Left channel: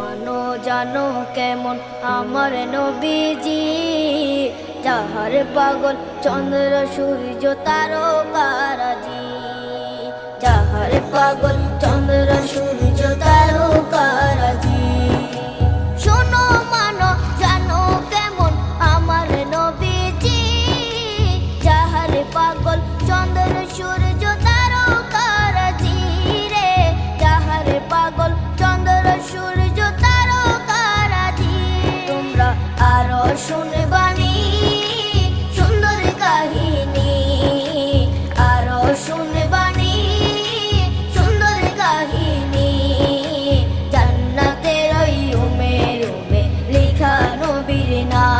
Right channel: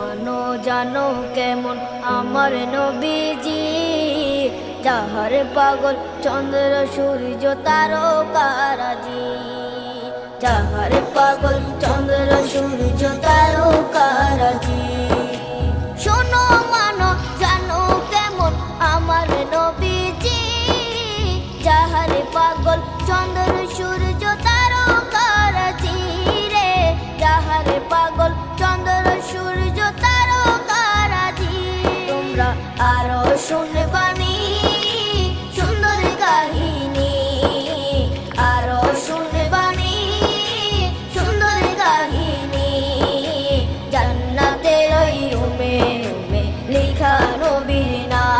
মানো জানো কেমন আমার নবীজি, যাহার পাগল চন্দ্র সূর্য তারকারাজি, যাহার পাগল চন্দ্র সূর্য তারকারাজি। শোনো মানো জানো কেমন আমার নবীজি, যাহার পাগল চন্দ্র সূর্য তারকারাজি রে, যাহার পাগল চন্দ্র সূর্য তারকারাজি। তোমরা আরো শুনবানি সুন্দর কাহিনী, আরো শুনবানি সুন্দর কাহিনী। জান্নাতের ওই রুমে রুমে লেখা নবীর নাম।